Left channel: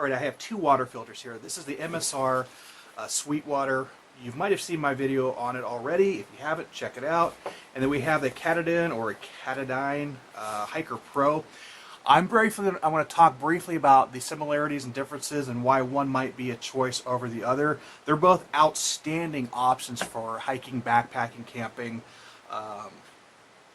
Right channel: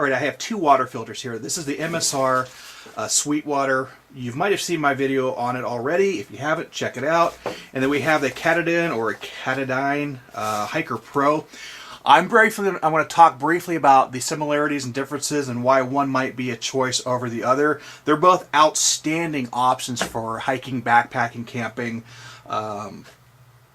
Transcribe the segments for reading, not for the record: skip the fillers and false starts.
All right, I have two water filters here. This is the MSR Sweetwater. You might have seen my video on it already. If you haven't, check it out. And then we have the Katadyn or Katadyn Hiker Pro. I'm going to talk briefly about the similarities and differences and why one might be a choice over the other. They're both outstanding options for hiking, backpacking, camping,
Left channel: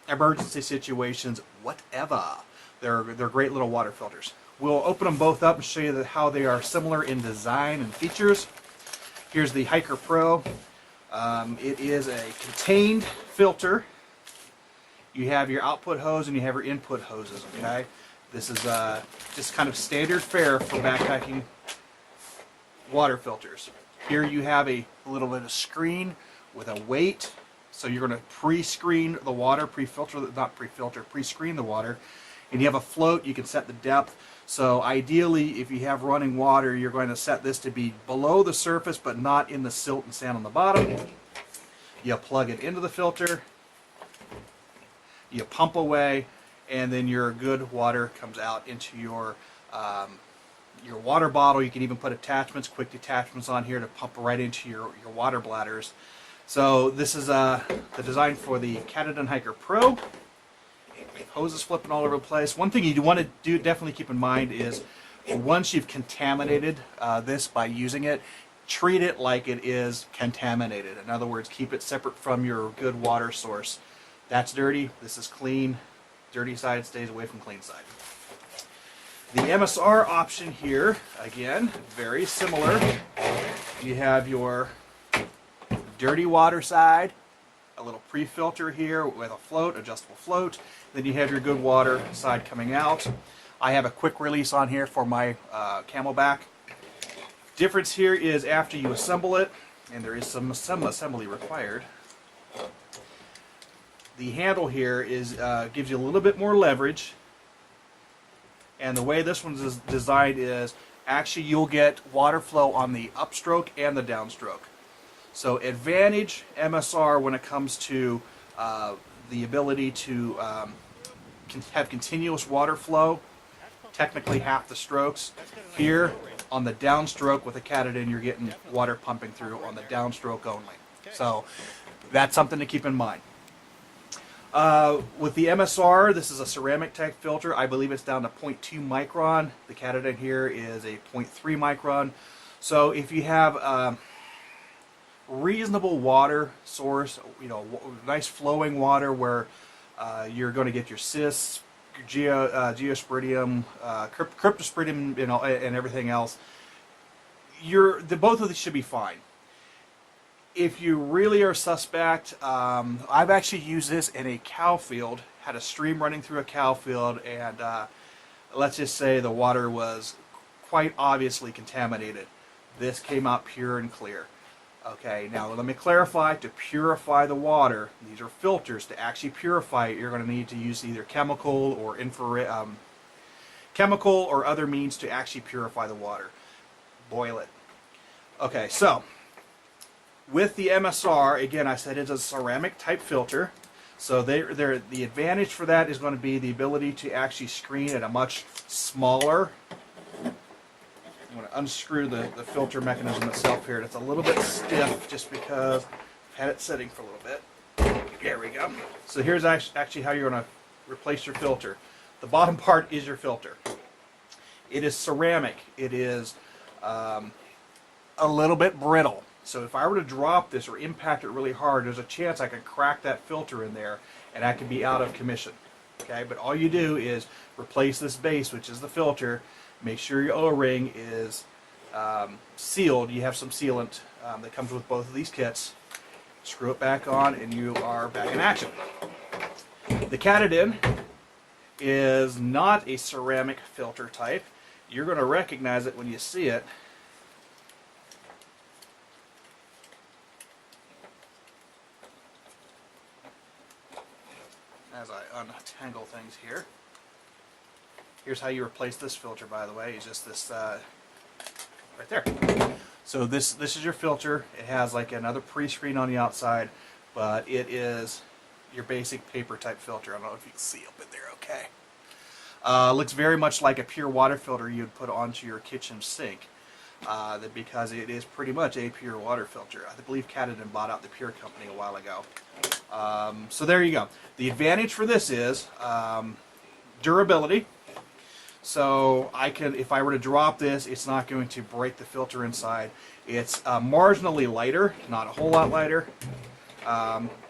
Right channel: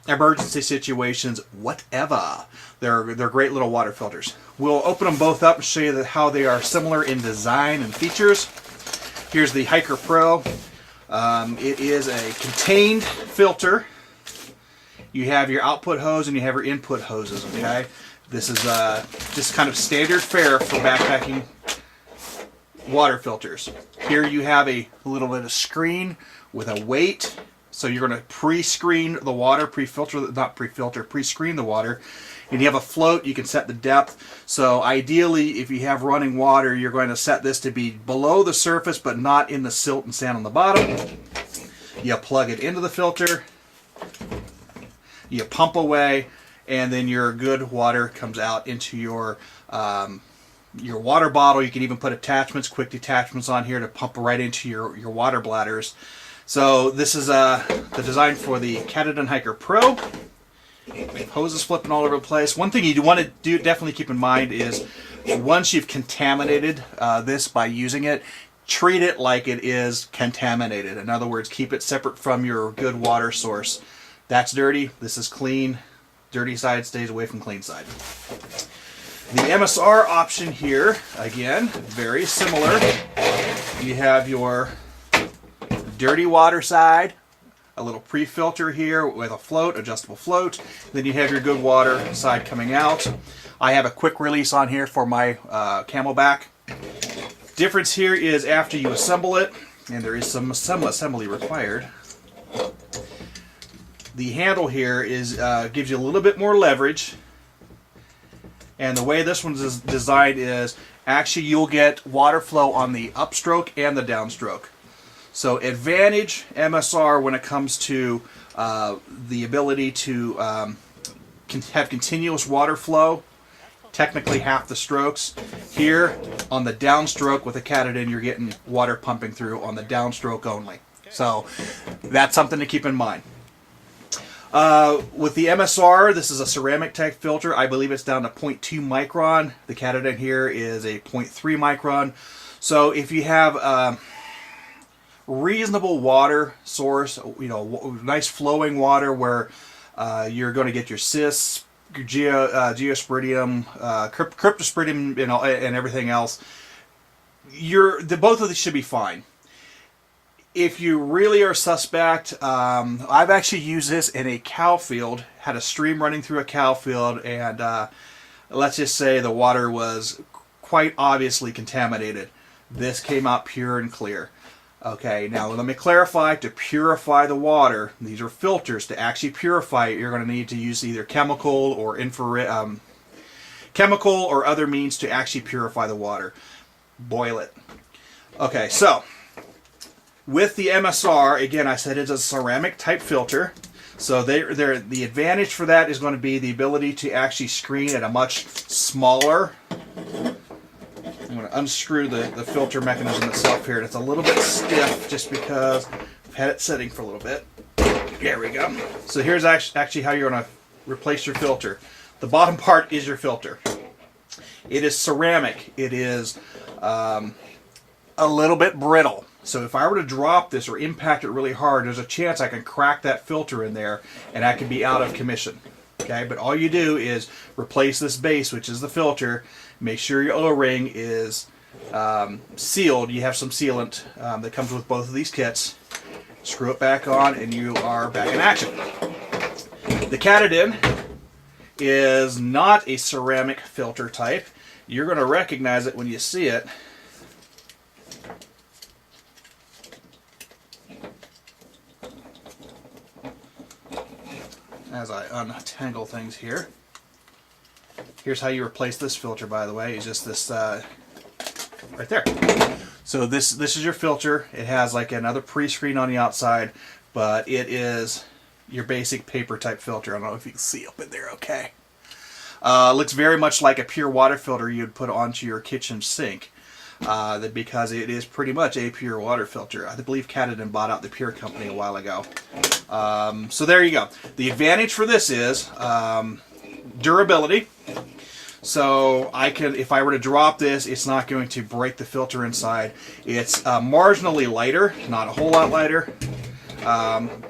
emergency situations, whatever. They're great little water filters. We'll open them both up and show you how they are similar in design and features. Here's the Hiker Pro. It is a contained filter. You have your output hose and you have your input hoses, okay? This is just kind of standard fare for backpacking water filters. Here you have a little bit of screen with a weight. So you're going to pre-screen the water, pre-screen the water. And you have a float, you can set the depth. So ideally, if you have running water, you're going to set this to be below the surface, but not in the silt and sand on the bottom. You plug it into the filter, you pump away, and then your good water comes out into your water bottle. You can even put attachments, quick detachments on here to pump right into your water bladders. So this is the design for the Katadyn Hiker Pro. Hoses flipping all over the place. One thing you want to do, definitely keep in mind, is once you've contaminated this by using it, treat it like it is contaminated. In other words, keep it separate from your good water source. That's dirty. This is clean. Dirty side stays away from clean side. The MSR option here, again, very similar. You have your dirty water side, a little pre-filter here with a float, adjustable float. Then you have your good water side coming out. I have a quick release on here for my Camelback. Difference here is after you assemble it, and there is some assembly required, the handle here gives you a little bit more leverage. And the way this one's designed is actually you'll get water flow on the upstroke and the downstroke. So advantage MSR when it comes to the ability to have continuous water flow, technically half the strokes. Here on the downstroke with the Katadyn, you're getting water pumping through on the downstroke only. So that's something to keep in mind. With the MSR, this is a ceramic type filter. I believe it's down to 0.2 micron. The Katadyn here is a 0.3 micron. So if you have reasonable water source, nice flowing water where you're going to get your cis, your geosporidium, cryptosporidium, and everything else, both of these should be fine. If you really are suspect, I've actually used this in a cow field, had a stream running through a cow field, and let's just say the water was quite obviously contaminated. This came out pure and clear. Okay, now let me clarify, to purify the water, these are filters. To actually purify it, you're going to need to use either chemical or infrared, chemical or other means to actually purify the water. Boil it. Okay, so with the MSR, again, I said it's a ceramic type filter. So the advantage for that is going to be the ability to actually screen at a much smaller. I'm going to unscrew the filter mechanism itself here. It's a little bit stiff just because I've had it sitting for a little bit. There we go. So here's actually how you're going to replace your filter. The bottom part is your filter. It is ceramic. It is a little bit brittle. So if I were to drop this or impact it really hard, there's a chance I can crack that filter in there and I could be out of commission. Okay, but all you do is replace this base, which is the filter. Make sure your O-ring is sealed. You have some sealant that comes with both of these kits. Screw it back on and you are back in action. The Katadyn is not a ceramic filter type. You're going to recognize it when you see it. As I untangle things here. Here's how you replace this filter, by the way. It's just this right there. So this is your filter. It has like another pre-screen on the outside, but it is your basic paper type filter. I don't know if you can see up in there okay. Looks very much like a pure water filter you'd put onto your kitchen sink. Because it is pretty much a pure water filter. I believe Katadyn bought out the Pure company a while ago. So there you go. The advantage for this is durability. So I can, if I were to drop this, it's not going to break the filter inside. It's marginally lighter, not a whole lot lighter.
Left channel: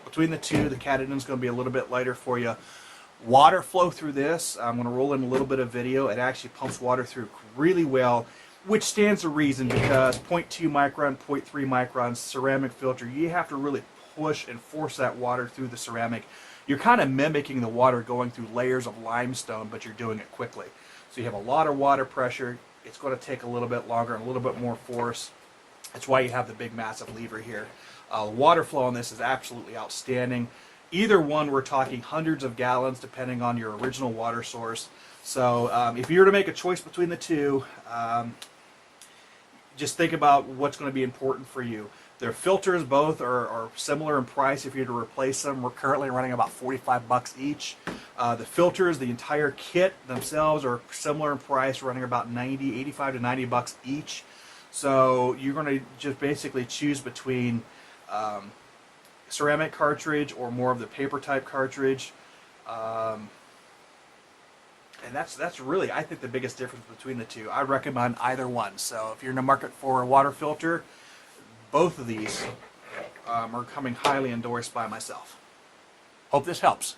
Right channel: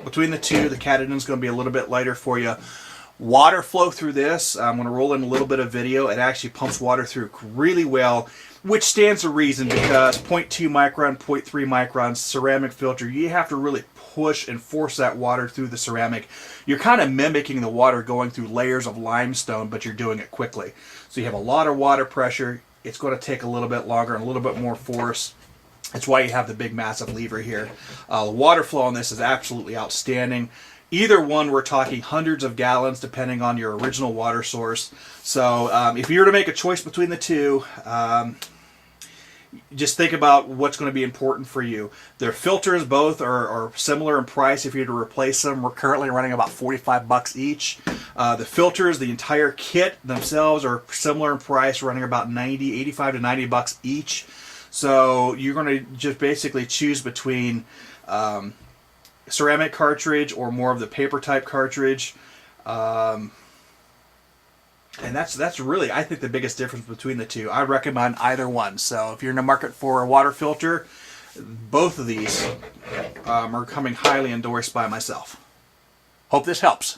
Between the two, the Katadyn is going to be a little bit lighter for you. Water flow through this, I'm going to roll in a little bit of video. It actually pumps water through really well, which stands to reason because 0.2 micron, 0.3 micron ceramic filter, you have to really push and force that water through the ceramic. You're kind of mimicking the water going through layers of limestone, but you're doing it quickly. So you have a lot of water pressure. It's going to take a little bit longer and a little bit more force. That's why you have the big massive lever here. The water flow on this is absolutely outstanding. Either one, we're talking hundreds of gallons depending on your original water source. So if you were to make a choice between the two, just think about what's going to be important for you. Their filters both are similar in price. If you were to replace them, we're currently running about $45 each. The filters, the entire kit themselves, are similar in price, running about $85 to $90 each. So you're going to just basically choose between ceramic cartridge or more of the paper type cartridge. And that's really, I think, the biggest difference between the two. I recommend either one. So if you're in the market for a water filter, both of these are coming highly endorsed by myself. Hope this helps.